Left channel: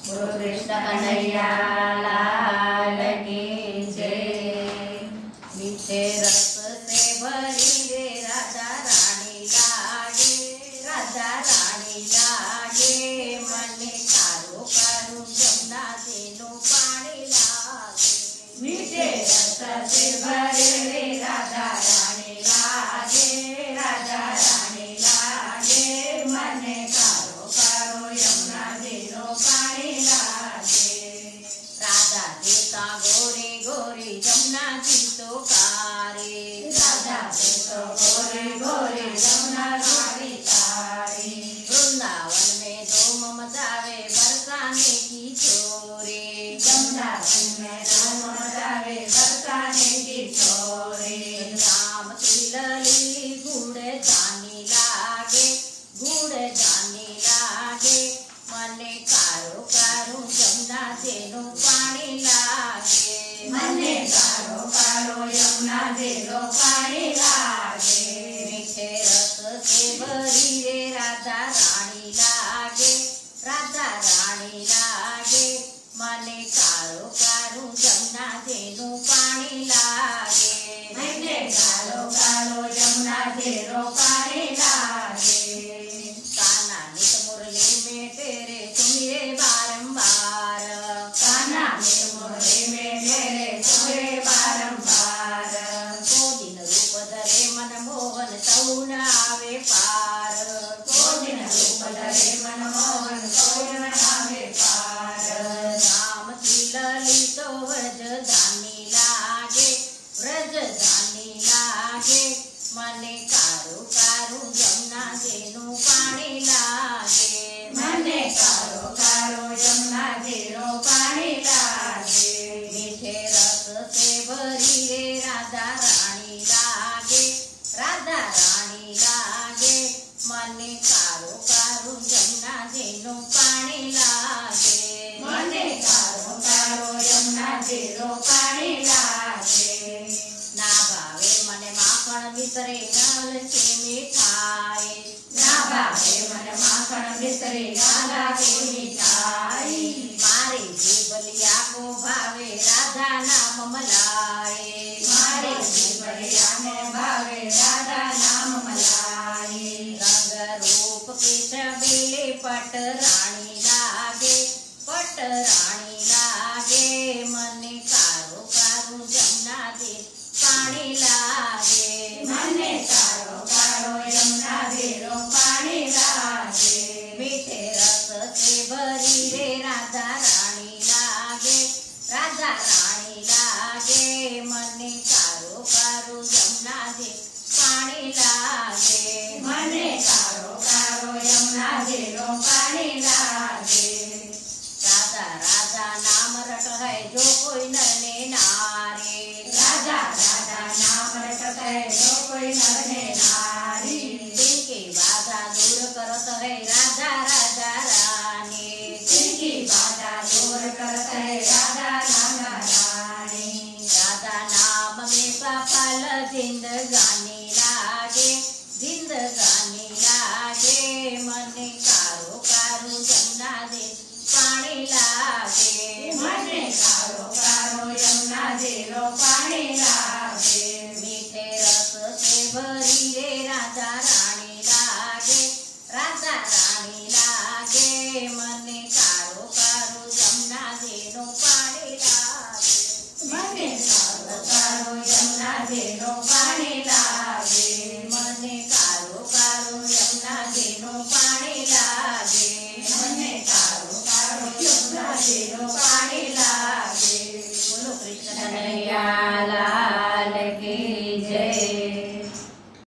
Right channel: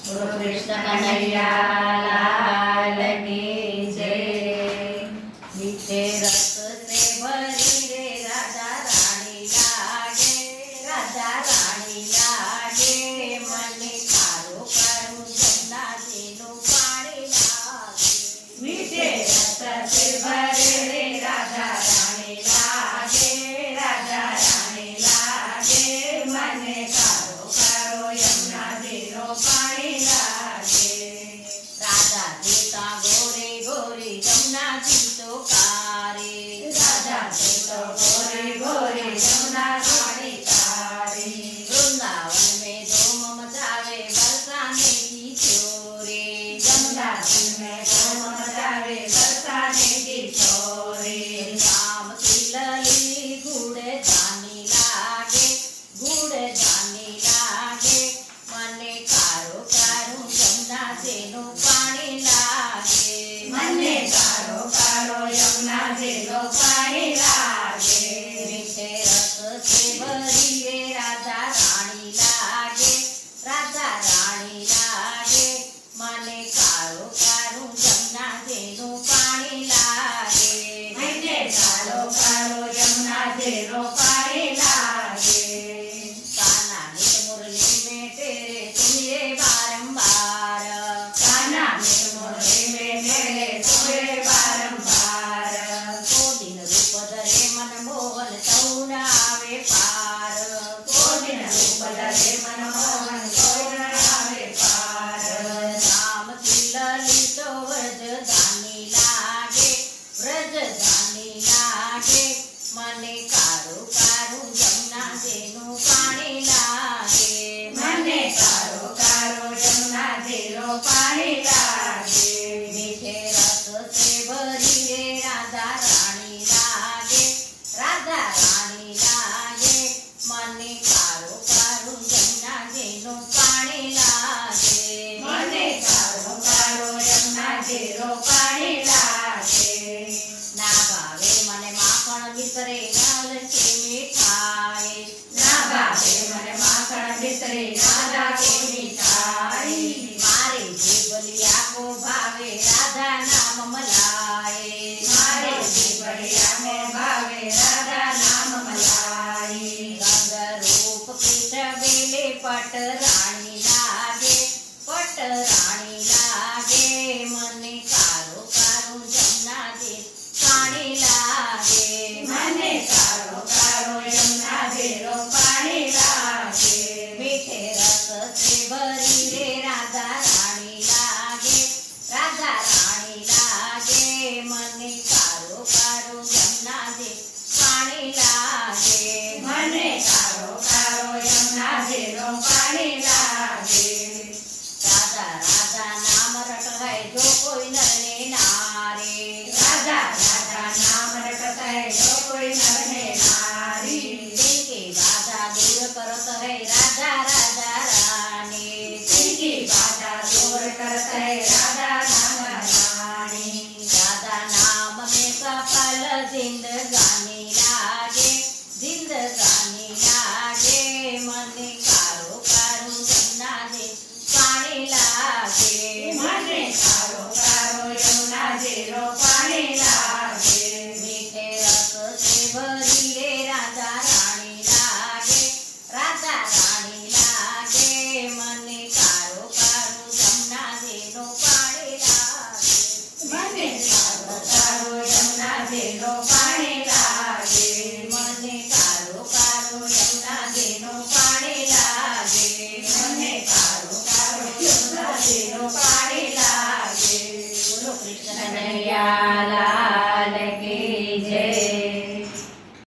बोलो कृष्ण कन्हैया लाल की जय। मीठे रस से भरी रे राधा रानी लागे, राधा रानी लागे। मने कारो कारो जमुना जेनो पानी लागे। मीठे रस से भरे रे राधा रानी लागे, राधा रानी लागे। मने कारो कारो यमुना जेनो पानी लागे। राधा देता गोरे गोरे जमुना जी तो कारे, राधा देता गोरे गोरे जमुना जी तारे। वृंदावन में धूम मचावे बरसाने की छोरे, जमुना जी में धूम मचावे बरसाने की छोरे। राम की लली गुड़ जानी लागे, गुड़ जानी लागे। मने कारो कारो जमुना जेनो पानी लागे, मने कारो कारो यमुना जेनो पानी लागे। मीठे रस से भरी रे राधा रानी लागे, राधा रानी लागे। मने कारो कारो जमुना जेनो पानी लागे, मने कारो कारो यमुना जेनो पानी लागे। कान्हा नित मुरली में तेरे तुम्हें बारंबार, कान्हा नित मुरली में तेरे तुम्हें बारंबार। को दिन रूप धरे मन मोहन तौन आवे पार, को दिन रूप धरे मन मोहन तौन आवे पार। राम की लली तो व्रज धानी लागे, व्रज धानी लागे। मने कारो कारो जमुना जेनो पानी लागे, मने कारो कारो जमुना जेनो पानी लागे। मीठे रस से भरी रे राधा रानी लागे, राधा रानी लागे। मने कारो कारो जमुना जेनो पानी लागे, मने कारो कारो जमुना जेनो पानी लागे। ना भावे मने माखण भीतरे नाल के मिठाई, ना भावे मने माखण भीतरे नाला के मिठाई। मारे जीवलिया को भावे राधा नाम मलाई, मारे जीवलिया को भावे राधा नाम मलाई। रंग रूप के छबीले पट रानी लागे, पट रानी लागे। मने कारो कारो जमुना दे पानी लागे, मने कारो कारो यमुना जेनो पानी लागे। मीठे रस से भरी रे राधा रानी लागे, राधा रानी लागे। मने कारो कारो यमुना दे पानी लागे, मने कारो कारो यमुना जेनो पानी लागे। राधा राधा नाम रट है जो कोई नर ने नारी, राधा राधा नाम रटत है जो कोई नर ने नारी। तिनकी बाधा दूर करत है राधा राधा रानी, तिनकी बाधा दूर करत है राधा राधा रानी। राधा नाम में सफल जिंदगानी लागे, जिंदगानी लागे। मने कारो कारो जमुना दे पानी लागे, मने कारो कारो यमुना जेनो पानी लागे। मीठे रस से भरी रे राधा रानी लागे, राधा रानी लागे। मने कारो कारो जमुना जेनो पानी लागे, मने कारो कारो यमुना जेनो पानी लागे। मने कारो कारो यमुना जेनो पानी